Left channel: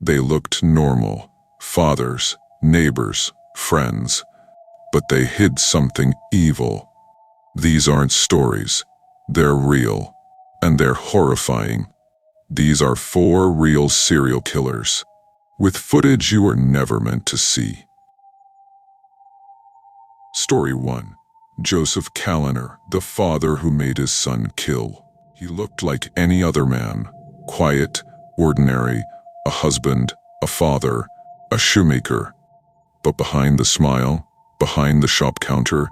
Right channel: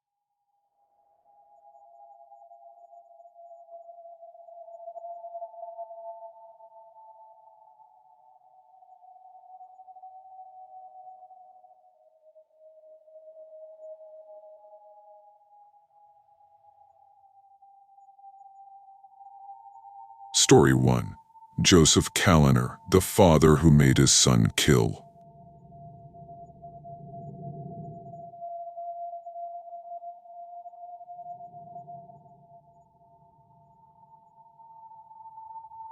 They looked normal, fathers, neighbors, friends, but they hid something evil. These aren't stories, they're real, and they're horrifying. These are 4 real serial killers, with footage you were never meant to see. Story 1. Joseph Kallinger, the father who made his son kill. He looked like any other man, quiet, ordinary, a husband, a father, a shoemaker. But behind the smile, behind the shop counter,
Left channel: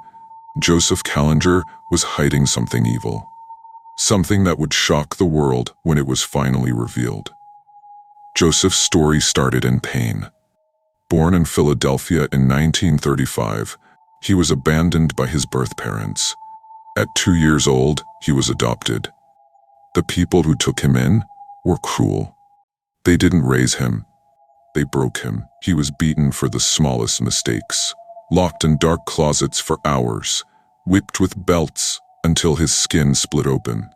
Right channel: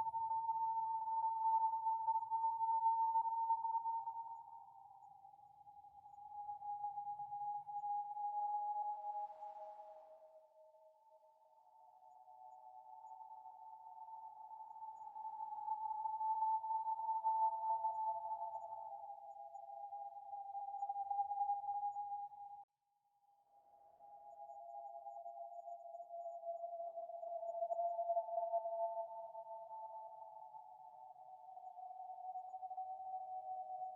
Joseph Kallinger was hiding something evil. Something that would shock the world when it was finally revealed. Joseph's story started in pain. Born in Philadelphia in 1935, he was abandoned by his birth parents. At 2 years old, he was adopted. The people who took him in were cruel. They didn't raise him, they broke him. He was beaten for the smallest mistakes, locked in dark closets for hours, whipped with belts until his skin split open.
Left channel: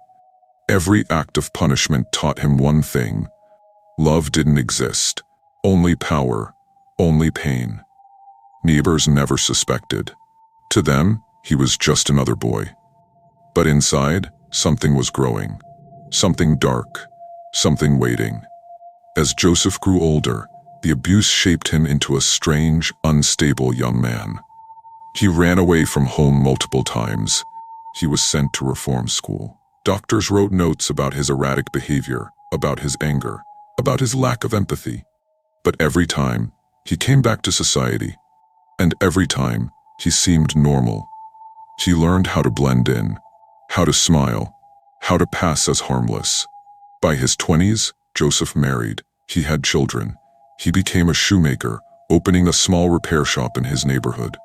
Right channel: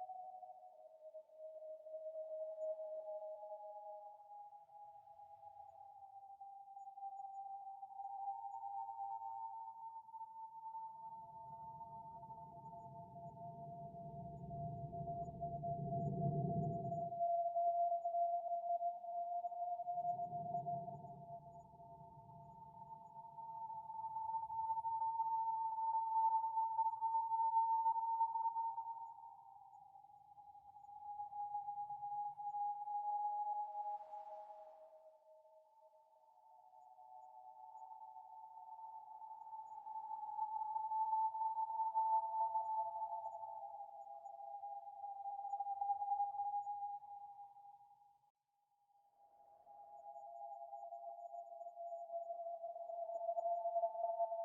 Every act of punishment taught him one thing: love didn't exist, only power, only pain. Neighbors never suspected. To them, he was just another boy. But inside, something was growing. Something dark, something waiting. As Joseph grew older, the abuse shaped him into a strange, unstable young man. He ran away from home multiple times. He was sent to reform school. Doctors wrote notes about his erratic behavior, about his anger, about his lack of empathy. But every time, he came back to society. And every time, he seemed normal. He learned how to blend in, how to smile, how to pass as harmless. By his 20s, Joseph married. He had children. He became a shoemaker, opening a small repair shop in his neighborhood.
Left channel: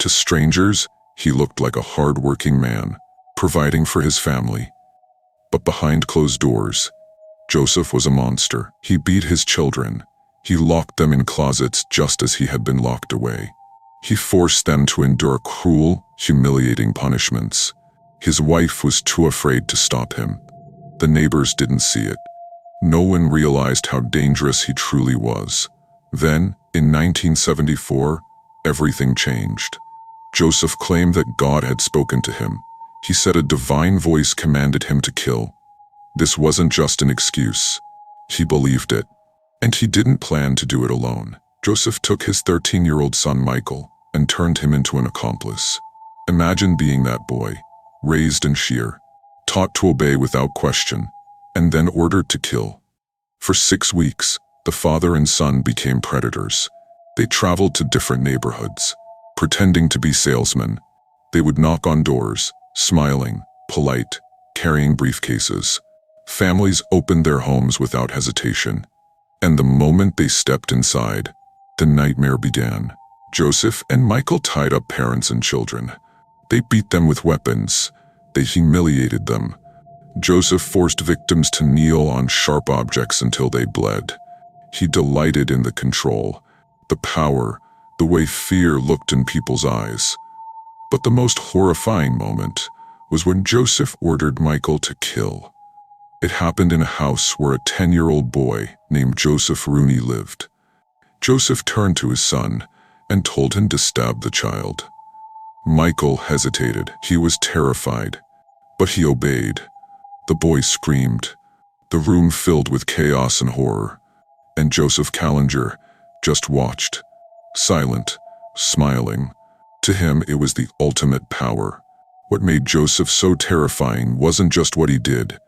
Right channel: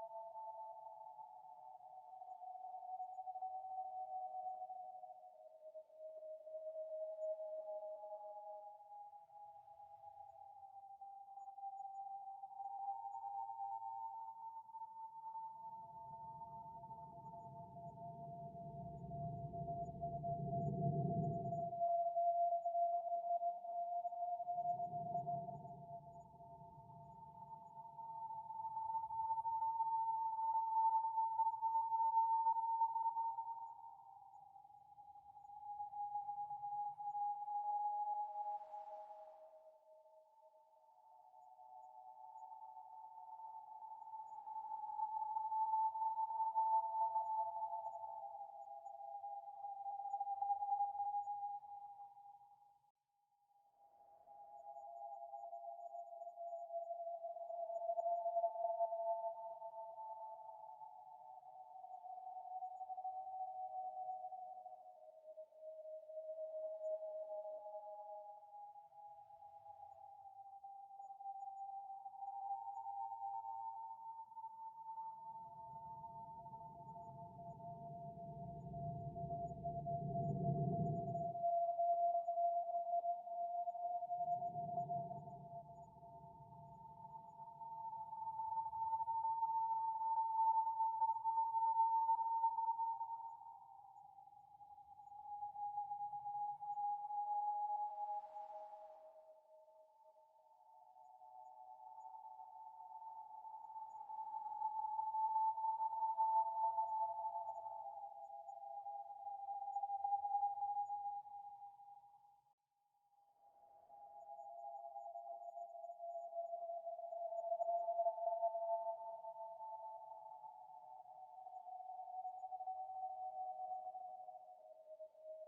To strangers, he looked like a hard-working man, providing for his family. But behind closed doors, Joseph was a monster. He beat his children. He locked them in closets just as he had been locked away. He forced them to endure cruel, humiliating punishments. His wife was too afraid to stop him. The neighbors didn't see it. No one realized how dangerous he truly was. Then, in 1974, everything changed. Joseph claimed that God had spoken to him. He said a divine voice commanded him to kill. This wasn't just an excuse. He believed it. And he didn't plan to do it alone. Joseph took his 13-year-old son Michael and turned him into an accomplice. Imagine being that boy, raised in sheer, taught to obey without question, and then ordered to kill. For 6 weeks, the father and son became predators. They traveled to different neighborhoods, pretending to be salesmen. They would knock on doors, smiling, polite, carrying briefcases. Families opened their homes without hesitation. And the moment they stepped inside, the nightmare began. Joseph and Michael tied up parents and children. They beat them with weapons. They humiliated them. Joseph forced victims to kneel on sharp objects until they bled. He delighted in the control, the power, the way fear looked in people's eyes. But the most horrifying moment was when Joseph ordered Michael to kill. It happened in a house where a 10-year-old boy named Joseph Rooney lived. Joseph turned to his son and told him to stab the child. Michael hesitated. He was terrified, but he obeyed. The boy screamed. The room filled with chaos and horror, and Joseph Calinger just watched, silent, smiling. To him, it was the ultimate power. What made Joseph so terrifying wasn't just what he did.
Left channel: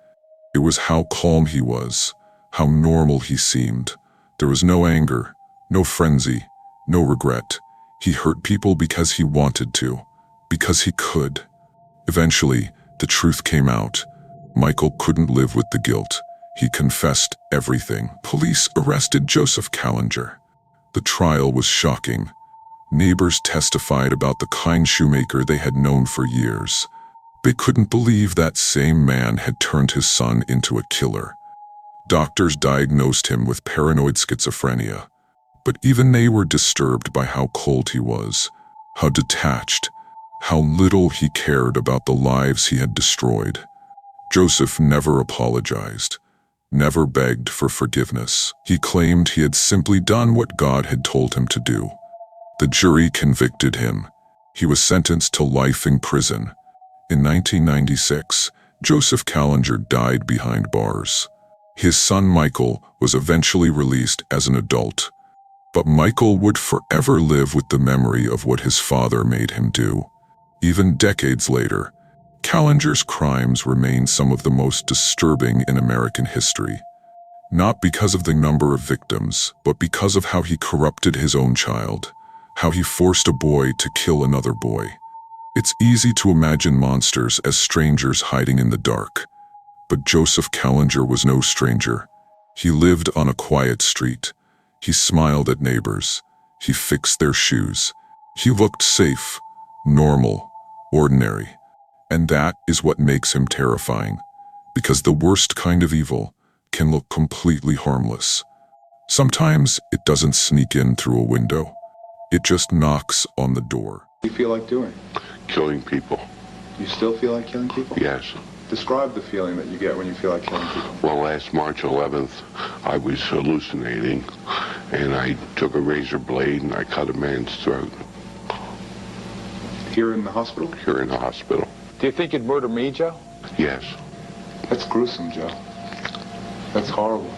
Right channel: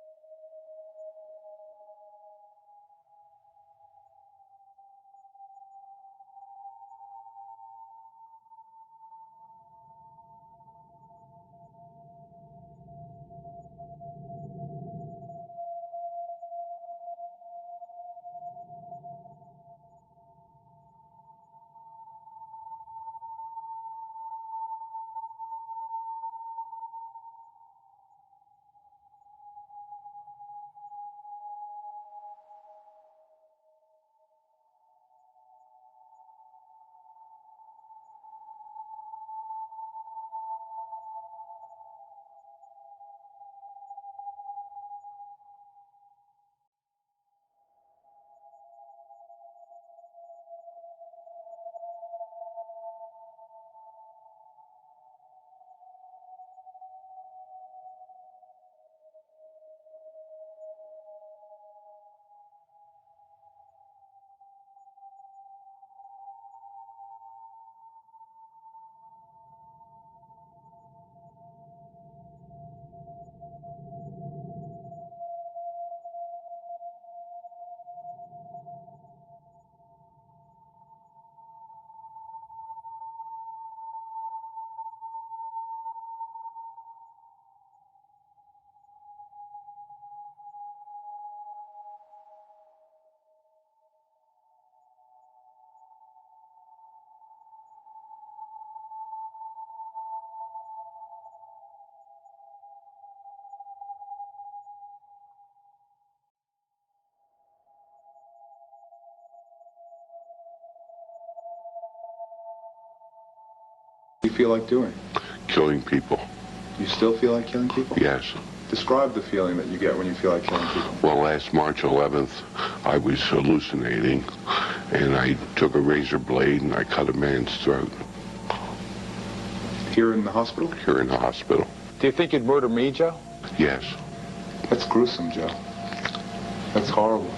It was how calm he was, how normal he seemed. There was no anger, no frenzy, no regret. He hurt people because he wanted to, because he could. Eventually, the truth came out. Michael couldn't live with the guilt. He confessed everything. Police arrested Joseph Kallinger. The trial was shocking. Neighbors testified about the kind shoemaker they had known for years. They couldn't believe that same man had turned his son into a killer. Doctors diagnosed him with paranoid schizophrenia. But even they were disturbed by how cold he was, how detached, how little he cared about the lives he had destroyed. Joseph never apologized, never begged for forgiveness. He claimed he had simply done what God had told him to do. The jury convicted him. He was sentenced to life in prison. In 1996, Joseph Kallinger died behind bars. His son Michael was eventually released as an adult, but Michael would forever live with the memory of what his father made him do. Even decades later, Callinger's crimes remain some of the most disturbing in American history. Not because of the number of victims, but because of how he corrupted his own child, how he forced a boy to kill another boy. It's easy to imagine monsters as strangers hiding in the dark, but Joseph Kallinger was no stranger. He lived on a quiet street. He smiled at neighbors. He fixed their shoes. He looked safe, normal, ordinary. And that is what makes him terrifying, because the worst kind of evil can look completely harmless. Sometimes it doesn't sneak in through a window. It just knocks on the door. What do you feel like doing? Killing people. You still feel like killing people? Yes. Describe the feeling that you get when you feel like killing people. Well, last March 11th, I was hallucinating, and I took a razor blade and I cut a man's throat. Here in the hospital? Here in the hospital. Do you think you'd murder me, Joe? Yes. That's gruesome, Joe. That's horrible.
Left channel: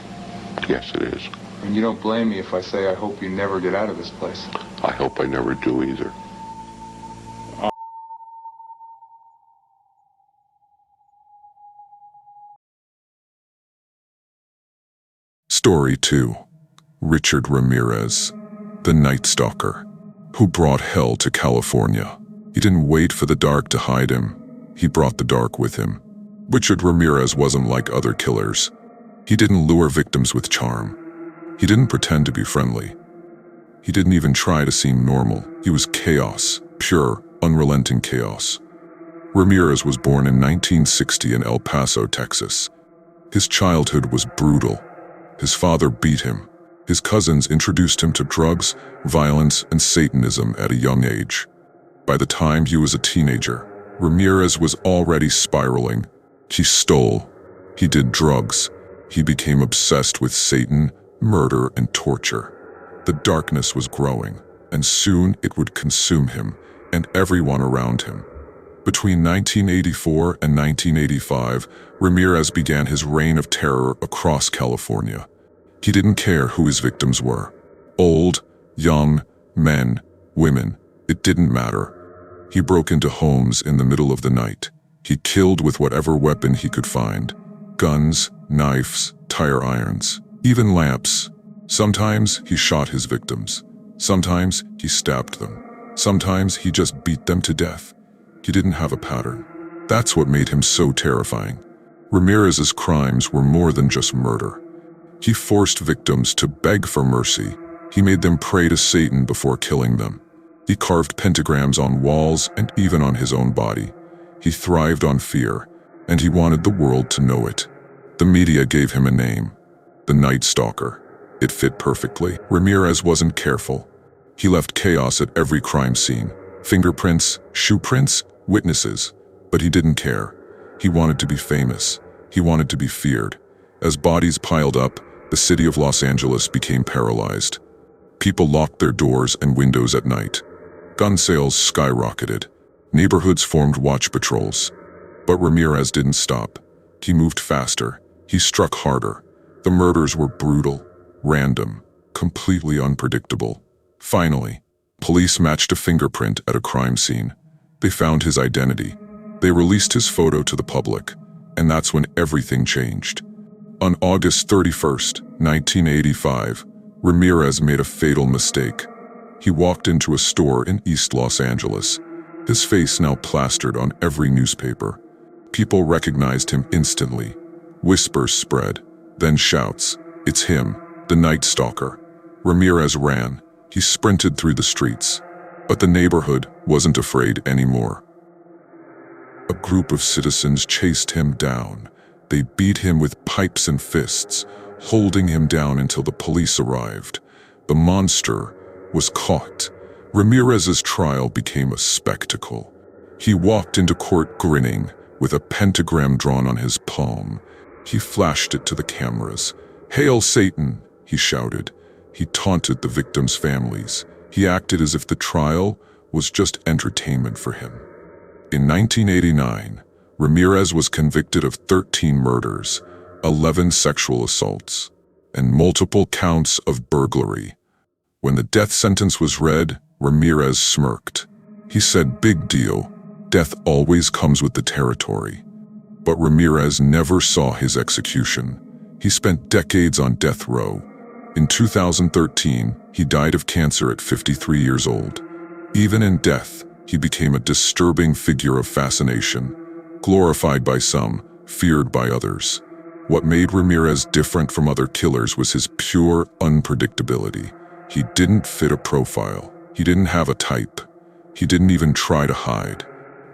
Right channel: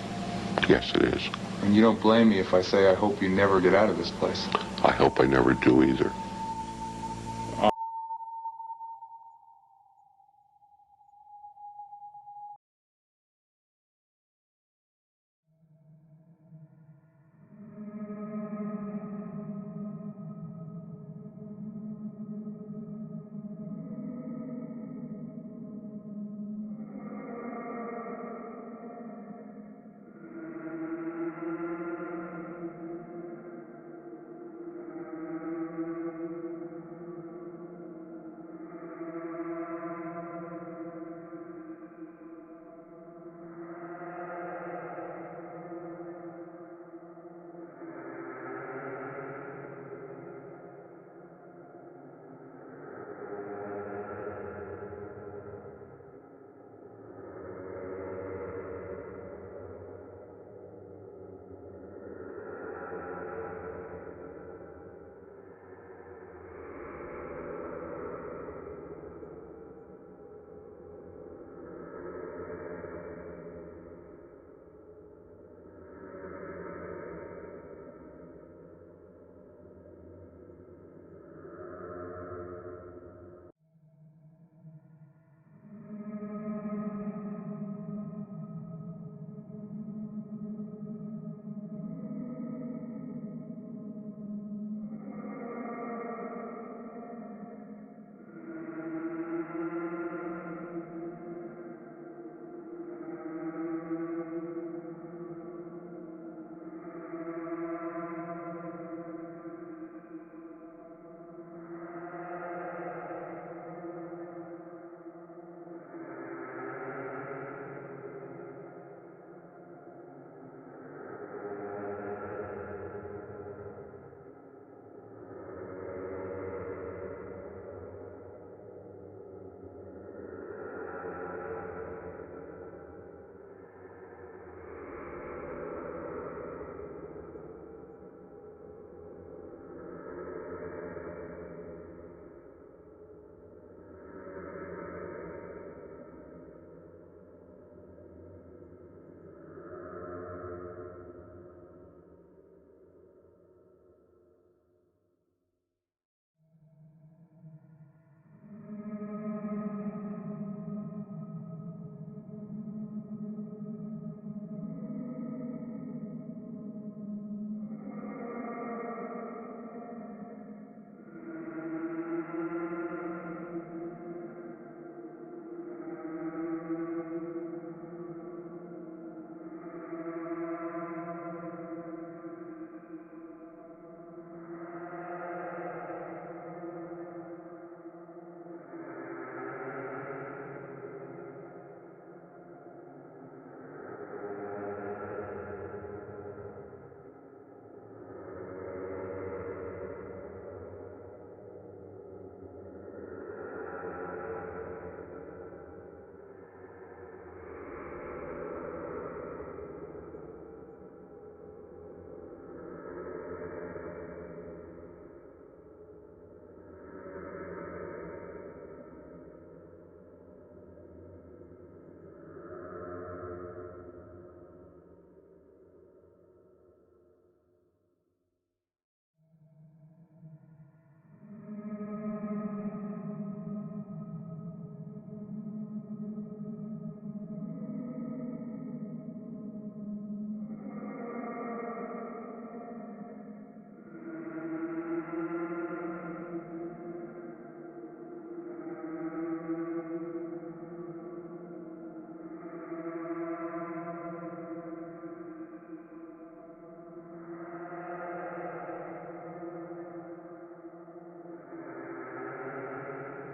Yes, it is. And you don't blame me if I say I hope you never get out of this place. I hope I never do either. Story 2. Richard Ramirez, the Night Stalker, who brought hell to California. He didn't wait for the dark to hide him. He brought the dark with him. Richard Ramirez wasn't like other killers. He didn't lure victims with charm. He didn't pretend to be friendly. He didn't even try to seem normal. He was chaos, pure, unrelenting chaos. Ramirez was born in 1960 in El Paso, Texas. His childhood was brutal. His father beat him. His cousins introduced him to drugs, violence, and Satanism at a young age. By the time he was a teenager, Ramirez was already spiraling. He stole. He did drugs. He became obsessed with Satan, murder, and torture. The darkness was growing, and soon it would consume him and everyone around him. Between 1984 and 1985, Ramirez began his reign of terror across California. He didn't care who his victims were. Old, young, men, women, it didn't matter. He broke into homes in the middle of the night. He killed with whatever weapon he could find. Guns, knives, tire irons, even lamps. Sometimes he shot his victims. Sometimes he stabbed them. Sometimes he just beat them to death. He didn't have a pattern. That's what made him so terrifying. Ramirez's crimes were more than just murder. He forced victims to beg for mercy. He made them pray to Satan before killing them. He carved pentagrams on walls and even on his own body. He thrived on fear, and he wanted the world to know it. The media gave him a name, the Night Stalker. It fit perfectly. Ramirez wasn't careful. He left chaos at every crime scene. Fingerprints, shoe prints, witnesses. But he didn't care. He wanted to be famous. He wanted to be feared. As bodies piled up, the city of Los Angeles became paralyzed. People locked their doors and windows at night. Gun sales skyrocketed. Neighborhoods formed watch patrols. But Ramirez didn't stop. He moved faster. He struck harder. The murders were brutal, random, completely unpredictable. Finally, police matched a fingerprint at a crime scene. They found his identity. They released his photo to the public, and that's when everything changed. On August 31st, 1985, Ramirez made a fatal mistake. He walked into a store in East Los Angeles, his face now plastered on every newspaper. People recognized him instantly. Whispers spread, then shouts, "It's him, the Night Stalker." Ramirez ran. He sprinted through the streets. But the neighborhood wasn't afraid anymore. A group of citizens chased him down. They beat him with pipes and fists, holding him down until the police arrived. The monster was caught. Ramirez's trial became a spectacle. He walked into court grinning, with a pentagram drawn on his palm. He flashed it to the cameras. "Hail Satan," he shouted. He taunted the victims' families. He acted as if the trial was just entertainment for him. In 1989, Ramirez was convicted of 13 murders, 11 sexual assaults, and multiple counts of burglary. When the death sentence was read, Ramirez smirked. He said, "Big deal. Death always comes with the territory." But Ramirez never saw his execution. He spent decades on death row. In 2013, he died of cancer at 53 years old. Even in death, he became a disturbing figure of fascination, glorified by some, feared by others. What made Ramirez different from other killers was his pure unpredictability. He didn't fit a profile. He didn't have a type. He didn't even try to hide.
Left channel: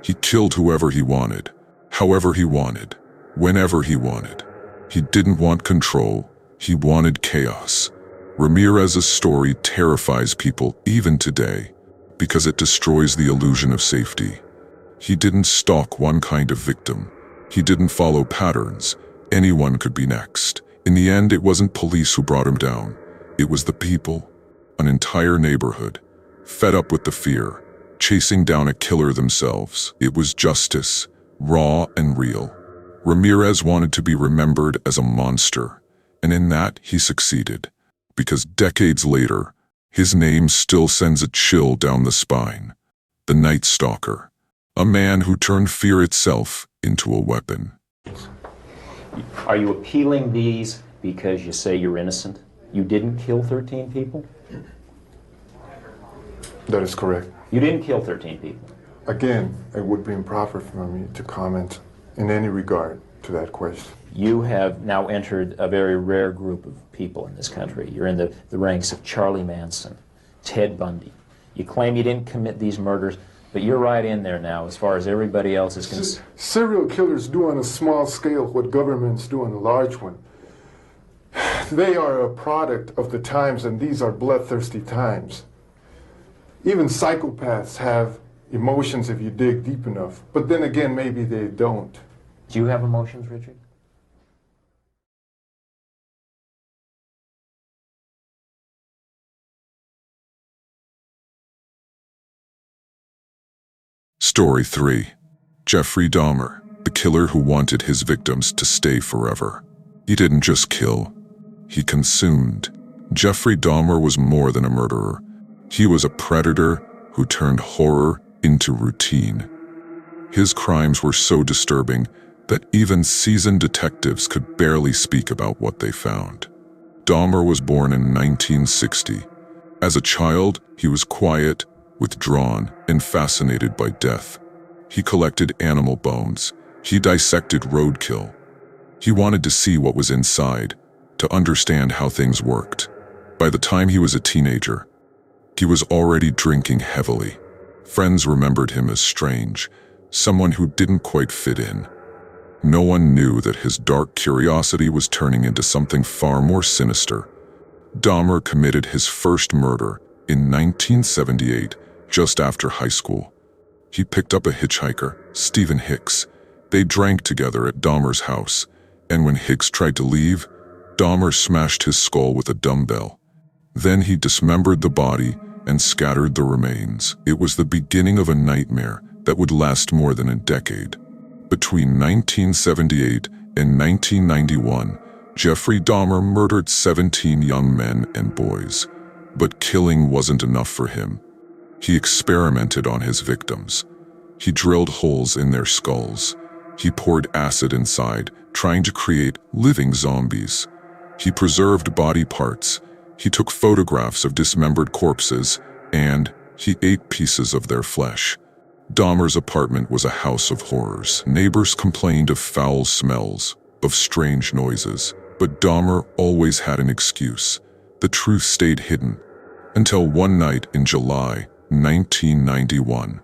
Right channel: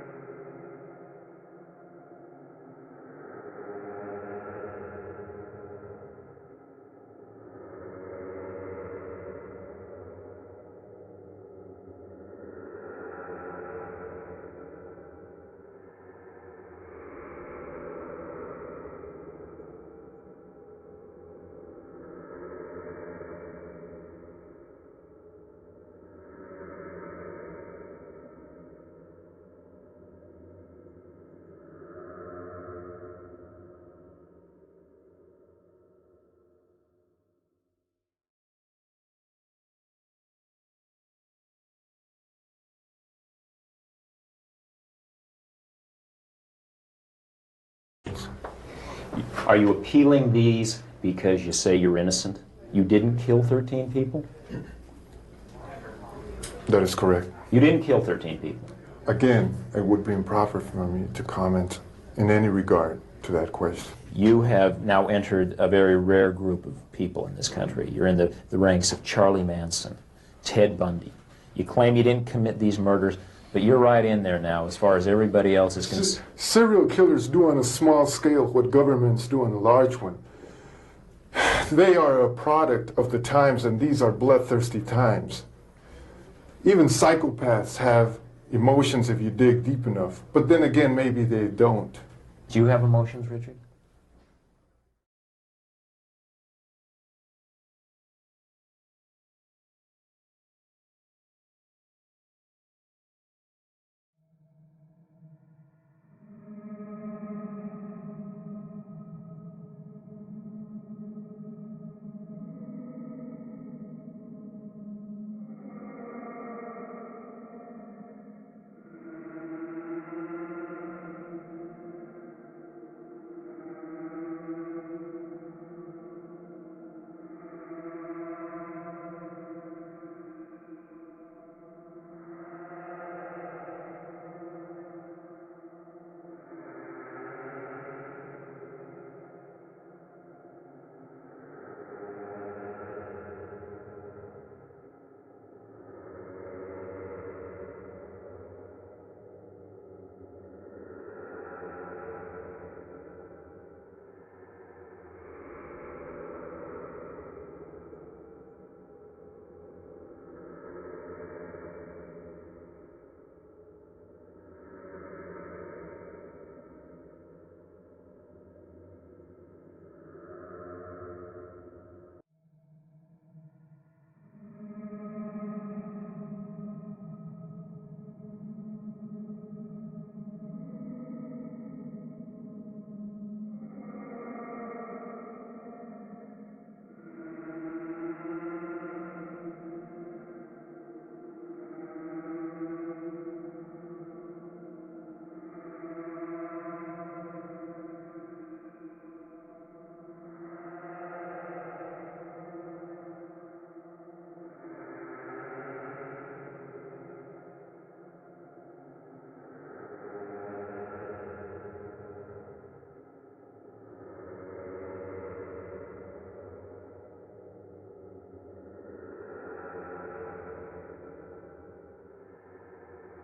He killed whoever he wanted, however he wanted, whenever he wanted. He didn't want control. He wanted chaos. Ramirez's story terrifies people even today because it destroys the illusion of safety. He didn't stalk one kind of victim. He didn't follow patterns. Anyone could be next. In the end, it wasn't police who brought him down. It was the people, an entire neighborhood, fed up with the fear, chasing down a killer themselves. It was justice, raw and real. Ramirez wanted to be remembered as a monster, and in that he succeeded, because decades later, his name still sends a chill down the spine. The Night Stalker, a man who turned fear itself into a weapon. Are you appealing these because you say you're innocent? You didn't kill 13 people? That is correct. You didn't kill 13 people? Again, it would be improper for me to comment in any regard to that question. You have now entered a very rare group of people in this country. You're in the ranks of Charlie Manson, Ted Bundy. You claim you didn't commit these murders, but you're right in there now as far as everybody else is concerned. Serial killers do on a small scale what governments do on a large one. They are a product of the times, and these are bloodthirsty times. Even psychopaths have emotions if you dig deep enough, but then again, maybe they don't. Do you have emotions, Richard? Story 3. Jeffrey Dahmer, the killer who wanted his victims to stay forever. He didn't just kill, he consumed. Jeffrey Dahmer was more than a murderer. He was a predator who turned horror into routine. His crimes were so disturbing that even seasoned detectives could barely speak about what they found. Dahmer was born in 1960. As a child, he was quiet, withdrawn, and fascinated by death. He collected animal bones. He dissected roadkill. He wanted to see what was inside, to understand how things worked. By the time he was a teenager, he was already drinking heavily. Friends remembered him as strange, someone who didn't quite fit in. No one knew that his dark curiosity was turning into something far more sinister. Dahmer committed his first murder in 1978, just after high school. He picked up a hitchhiker, Stephen Hicks. They drank together at Dahmer's house, and when Hicks tried to leave, Dahmer smashed his skull with a dumbbell. Then he dismembered the body and scattered the remains. It was the beginning of a nightmare that would last more than a decade. Between 1978 and 1991, Jeffrey Dahmer murdered 17 young men and boys. But killing wasn't enough for him. He experimented on his victims. He drilled holes in their skulls. He poured acid inside, trying to create living zombies. He preserved body parts. He took photographs of dismembered corpses, and he ate pieces of their flesh. Dahmer's apartment was a house of horrors. Neighbors complained of foul smells, of strange noises, but Dahmer always had an excuse. The truth stayed hidden, until one night in July 1991.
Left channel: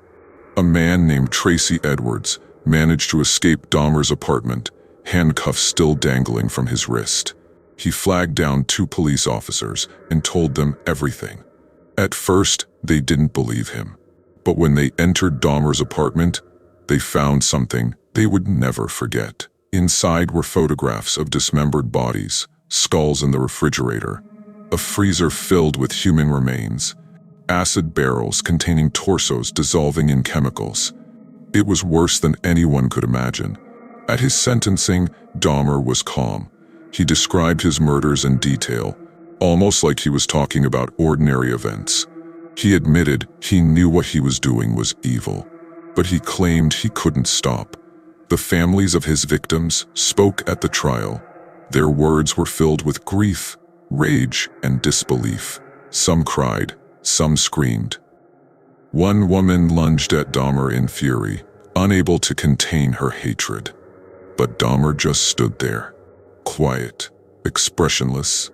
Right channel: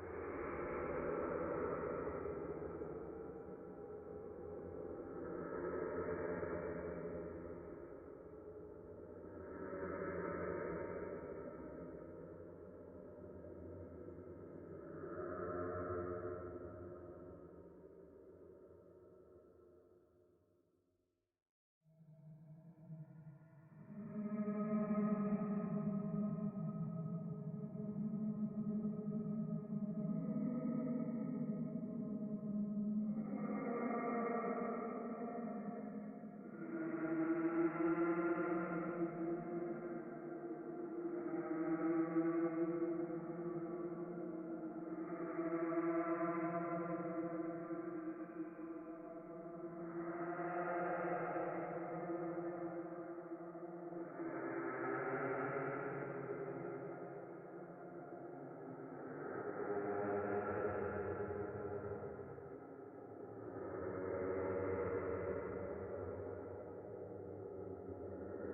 A man named Tracy Edwards managed to escape Dahmer's apartment, handcuffs still dangling from his wrist. He flagged down 2 police officers and told them everything. At first, they didn't believe him. But when they entered Dahmer's apartment, they found something they would never forget. Inside were photographs of dismembered bodies, skulls in the refrigerator, a freezer filled with human remains, acid barrels containing torsos dissolving in chemicals. It was worse than anyone could imagine. At his sentencing, Dahmer was calm. He described his murders in detail, almost like he was talking about ordinary events. He admitted he knew what he was doing was evil, but he claimed he couldn't stop. The families of his victims spoke at the trial. Their words were filled with grief, rage, and disbelief. Some cried, some screamed. One woman lunged at Dahmer in fury, unable to contain her hatred. But Dahmer just stood there, quiet, expressionless.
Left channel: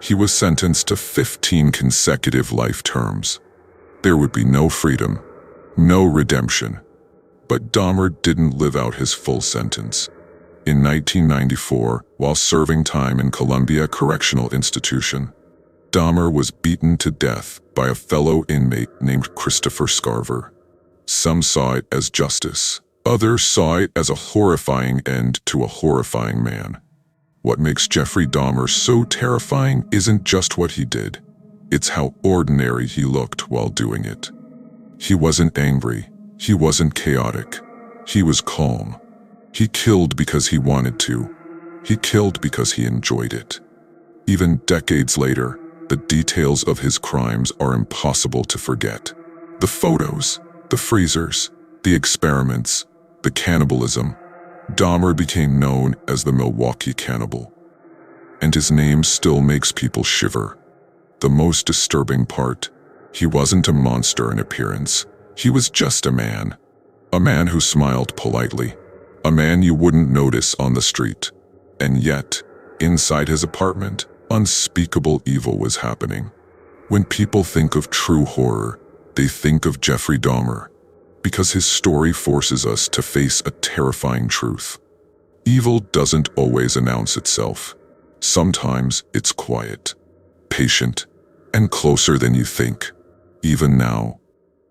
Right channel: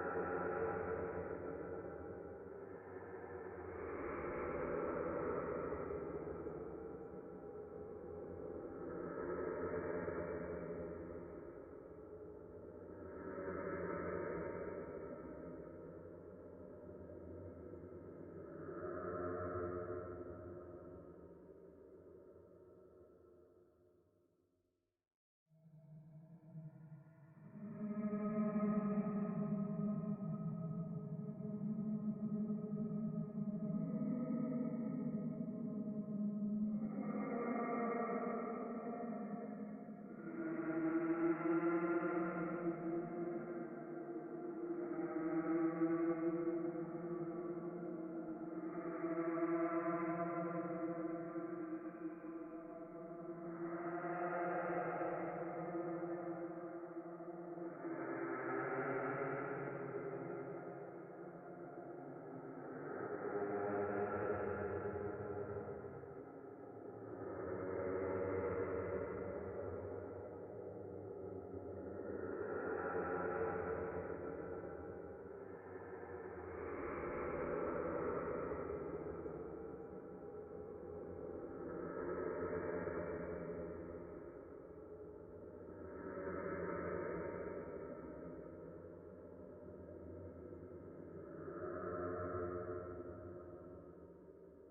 He was sentenced to 15 consecutive life terms. There would be no freedom, no redemption. But Dahmer didn't live out his full sentence. In 1994, while serving time in Columbia Correctional Institution, Dahmer was beaten to death by a fellow inmate named Christopher Scarver. Some saw it as justice. Others saw it as a horrifying end to a horrifying man. What makes Jeffrey Dahmer so terrifying isn't just what he did. It's how ordinary he looked while doing it. He wasn't angry. He wasn't chaotic. He was calm. He killed because he wanted to. He killed because he enjoyed it. Even decades later, the details of his crimes are impossible to forget. The photos, the freezers, the experiments, the cannibalism. Dahmer became known as the Milwaukee Cannibal. And his name still makes people shiver. The most disturbing part, he wasn't a monster in appearance. He was just a man who smiled politely, a man you wouldn't notice on the street. And yet, inside his apartment, unspeakable evil was happening. When people think of true horror, they think of Jeffrey Dahmer, because his story forces us to face a terrifying truth. Evil doesn't always announce itself. Sometimes it's quiet, patient, and closer than you think. Even now,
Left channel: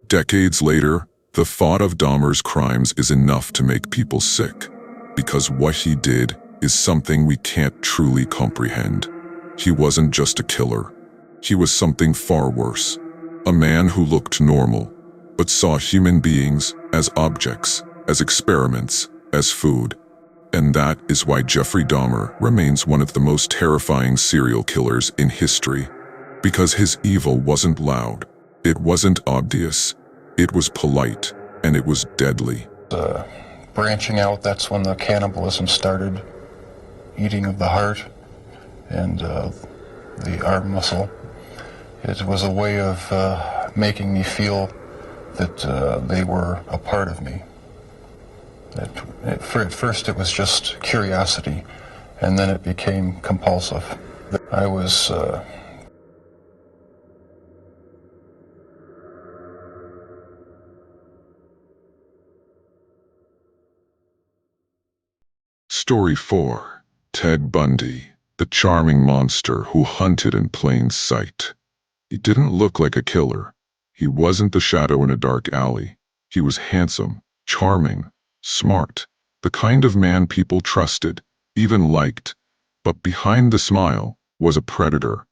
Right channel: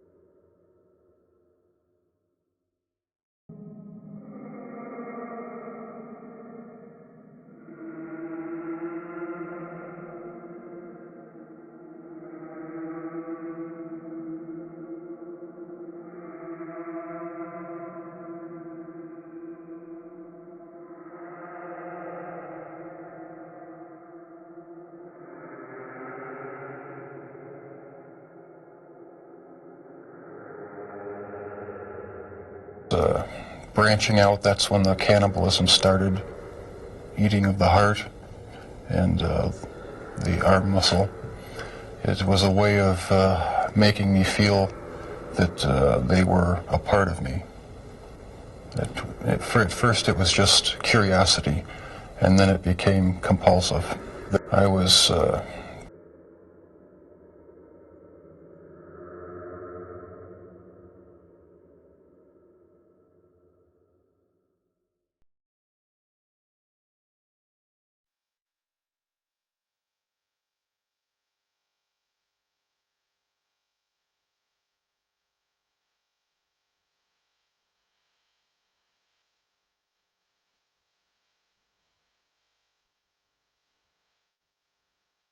decades later, the thought of Dahmer's crimes is enough to make people sick, because what he did is something we can't truly comprehend. He wasn't just a killer. He was something far worse. A man who looked normal, but saw human beings as objects, as experiments, as food. And that is why Jeffrey Dahmer remains one of the most terrifying serial killers in history. Because his evil wasn't loud, it wasn't obvious, it was polite, and it was deadly. Branching out, that's when the cannibalism started. Eating of the heart and the arm muscle. It was a way of making me feel that they were a part of me. At first it was just curiosity, and then it became compulsive. I was Story 4. Ted Bundy, the charming monster who hunted in plain sight. He didn't look like a killer. He wasn't the shadow in a dark alley. He was handsome, charming, smart, the kind of man people trusted, even liked. But behind the smile was a predator.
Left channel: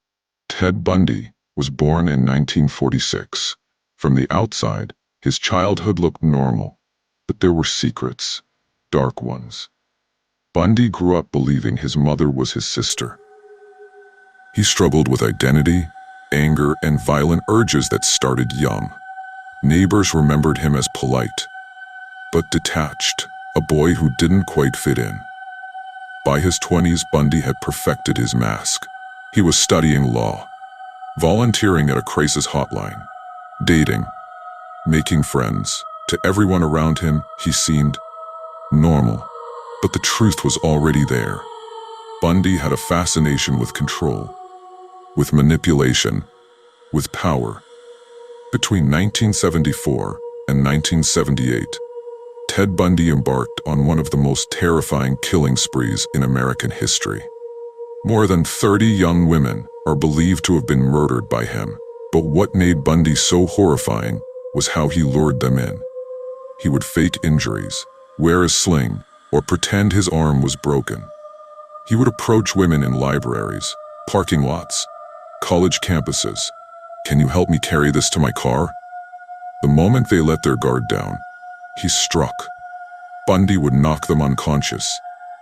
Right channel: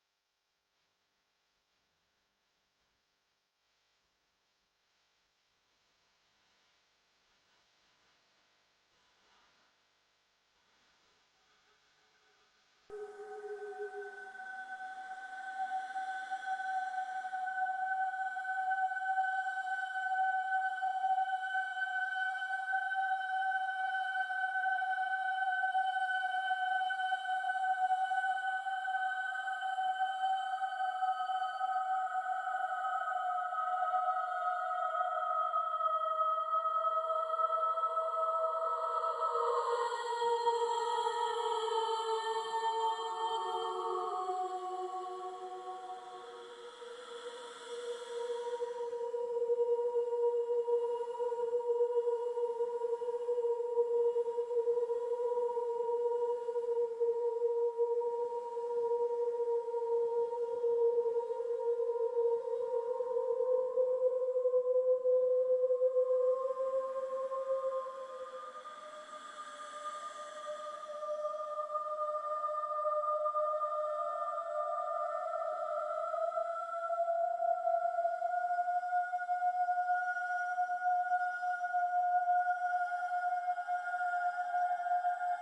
Ted Bundy was born in 1946. From the outside, his childhood looked normal, but there were secrets, dark ones. Bundy grew up believing his mother was his sister. He struggled with identity, anger, and violent urges that started young. Neighbors remembered him as polite, but detached, a boy who didn't quite fit in. By his 20s, Bundy had perfected his mask. He was studying law, volunteering at a crisis hotline, dating, making friends. To everyone around him, he seemed normal. But the truth was already there. Bundy had a fascination with control, with manipulation, with power. Between 1974 and 1978, Ted Bundy embarked on one of the most terrifying killing sprees in American history. More than 30 young women are believed to have been murdered by him. But what made Bundy so horrifying was how he lured them in. He would fake injuries, wear a sling, or pretend his arm was broken. He would approach women in libraries, parking lots, college campuses. "Can you help me carry this to my car?" The moment they let their guard down, he struck. Bundy would knock them unconscious,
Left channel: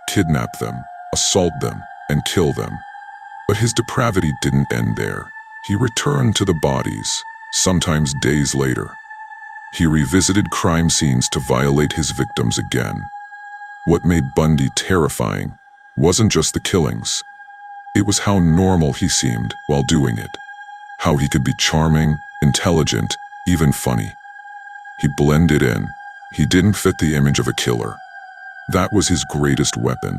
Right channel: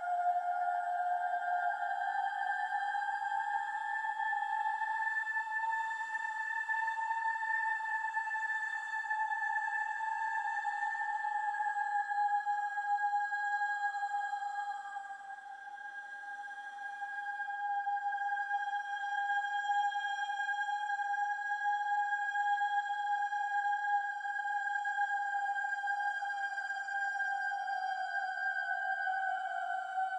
kidnap them, assault them, and kill them. But his depravity didn't end there. He returned to the bodies, sometimes days later. He revisited crime scenes to violate his victims again. What made Bundy terrifying wasn't just the killings. It was how normal he seemed while doing it. How he could be charming, intelligent, even funny. He blended in. He didn't fit the image of a killer. That was his greatest weapon.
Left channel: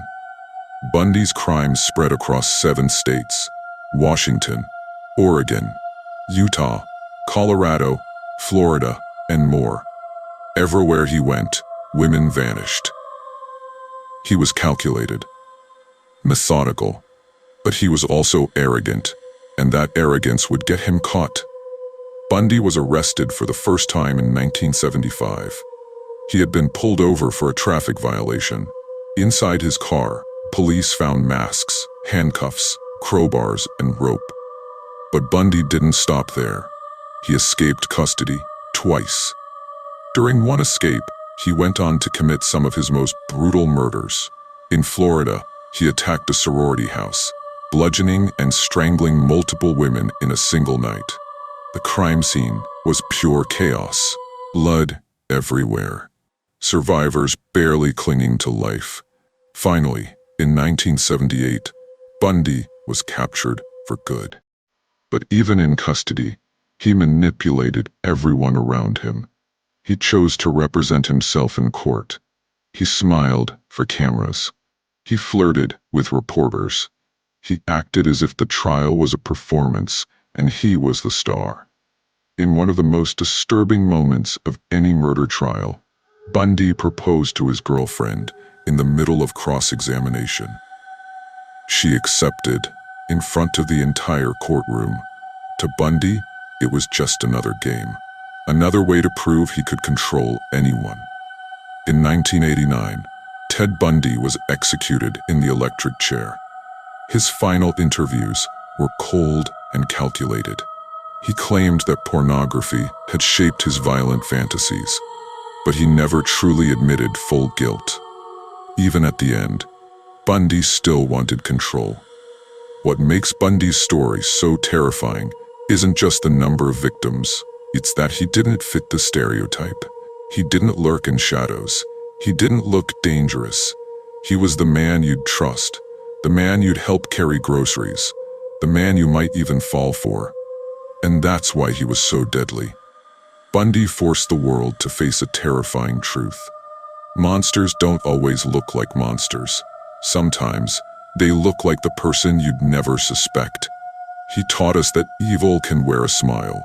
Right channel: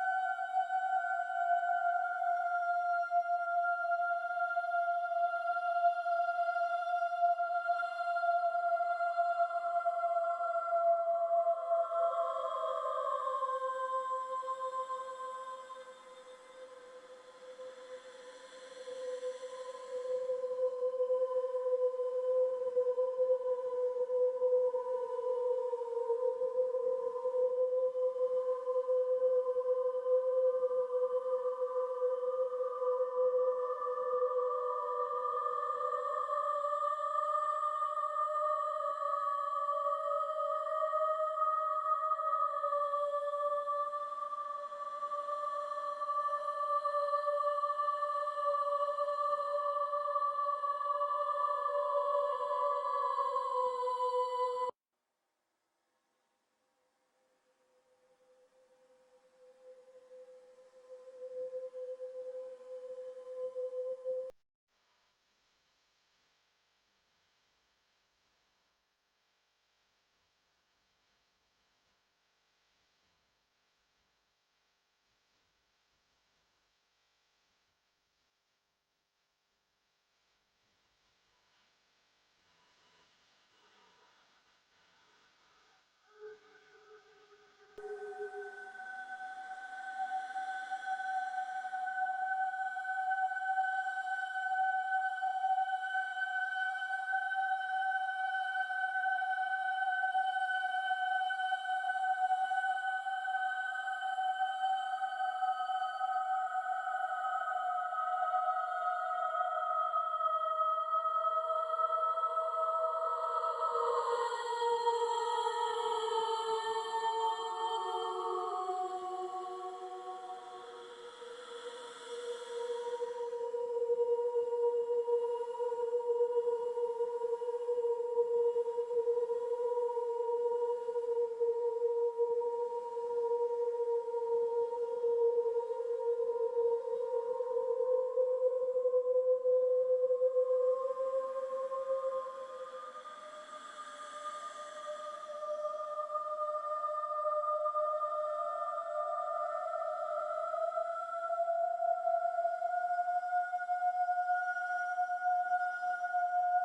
Bundy's crimes spread across 7 states: Washington, Oregon, Utah, Colorado, Florida, and more. Everywhere he went, women vanished. He was calculated, methodical, but he was also arrogant, and that arrogance would get him caught. Bundy was arrested for the first time in 1975. He had been pulled over for a traffic violation. Inside his car, police found masks, handcuffs, crowbars, and rope. But Bundy didn't stop there. He escaped custody twice. During one escape, he went on to commit some of his most brutal murders. In Florida, he attacked a sorority house, bludgeoning and strangling multiple women in a single night. The crime scene was pure chaos, blood everywhere. Survivors barely clinging to life. Finally, in 1978, Bundy was captured for good. But even in custody, he manipulated everyone around him. He chose to represent himself in court. He smiled for cameras. He flirted with reporters. He acted as if the trial was a performance and he was the star. In one of the most disturbing moments of any murder trial, Bundy proposed to his girlfriend in the middle of cross-examination. She accepted in front of the entire courtroom. To Bundy, it was just another game, another way to prove he could control anyone. In 1989, Ted Bundy was executed in the electric chair. His final interviews were cold and calculated. He claimed that pornography had shaped his violent fantasies, but he never truly admitted full guilt. Even at the end, Bundy still wanted control. What makes Bundy's story so terrifying isn't just the number of victims, it's that he didn't fit the stereotype. He didn't lurk in shadows. He didn't look dangerous. He was the man you'd trust, the man you'd help carry groceries, the man you might even fall for. And that's why he was so deadly. Bundy forced the world to face a terrifying truth. Monsters don't always look like monsters. Sometimes, they look like the person you'd never suspect. He taught us that evil can wear a smile,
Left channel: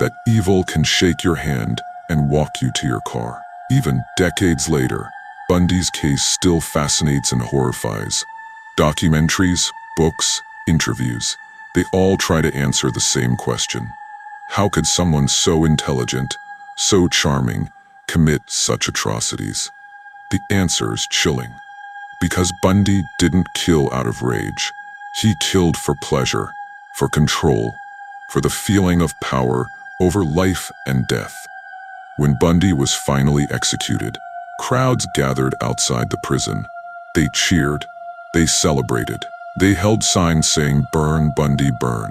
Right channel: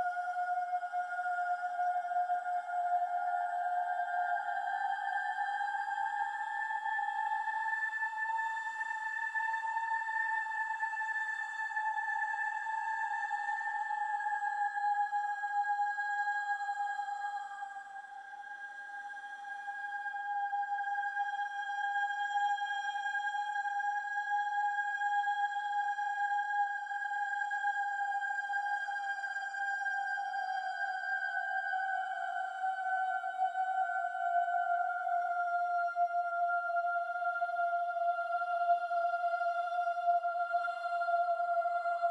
that evil can shake your hand and walk you to your car. Even decades later, Bundy's case still fascinates and horrifies. Documentaries, books, interviews, they all try to answer the same question. How could someone so intelligent, so charming, commit such atrocities? The answer is chilling. Because Bundy didn't kill out of rage. He killed for pleasure, for control, for the feeling of power over life and death. When Bundy was finally executed, crowds gathered outside the prison. They cheered, they celebrated, they held signs saying, "Burn, Bundy, burn."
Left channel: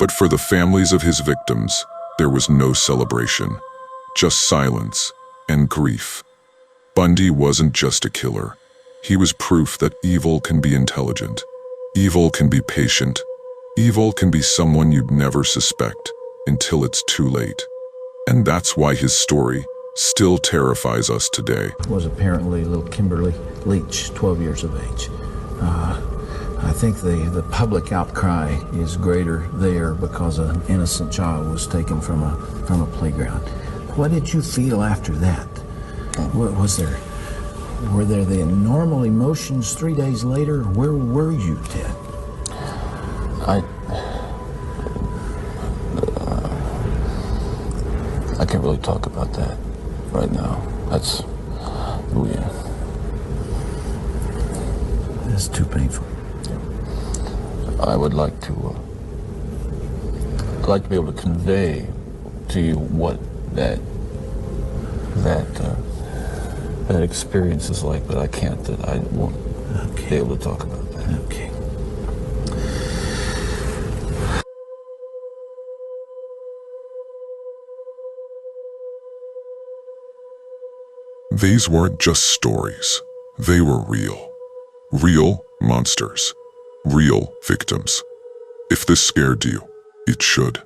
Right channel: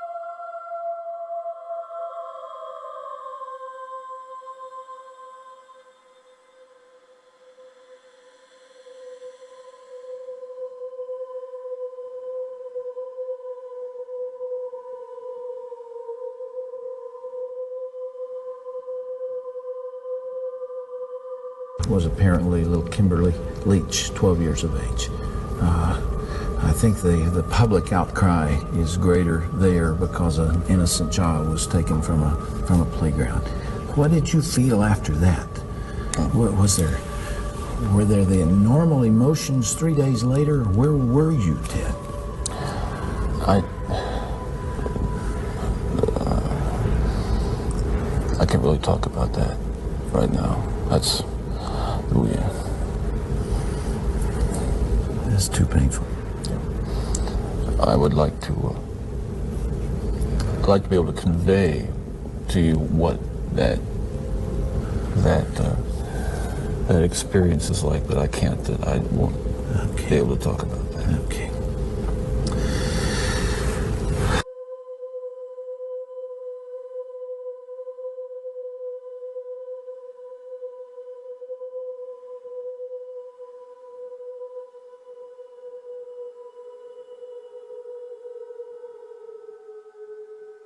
But for the families of his victims, there was no celebration, just silence and grief. Bundy wasn't just a killer. He was proof that evil can be intelligent, evil can be patient, evil can be someone you'd never suspect until it's too late. And that's why his story still terrifies us today. Was apparently little Kimberly Leach, 12 years of age. I think the public outcry is greater there because an innocent child was taken from a playground. What did you feel after that? What was there? Were there the normal emotions 3 days later? Where were you, Ted? I can't really talk about that right now. That's, yeah. It's too painful. I would like to be able to convey to you what that experience is like, but I can't. That I won't be able to talk about that. Okay. These weren't just stories. They were real. Real monsters. Real victims. If this scared you, it should.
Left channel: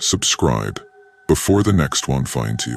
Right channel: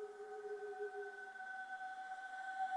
Subscribe before the next one finds you.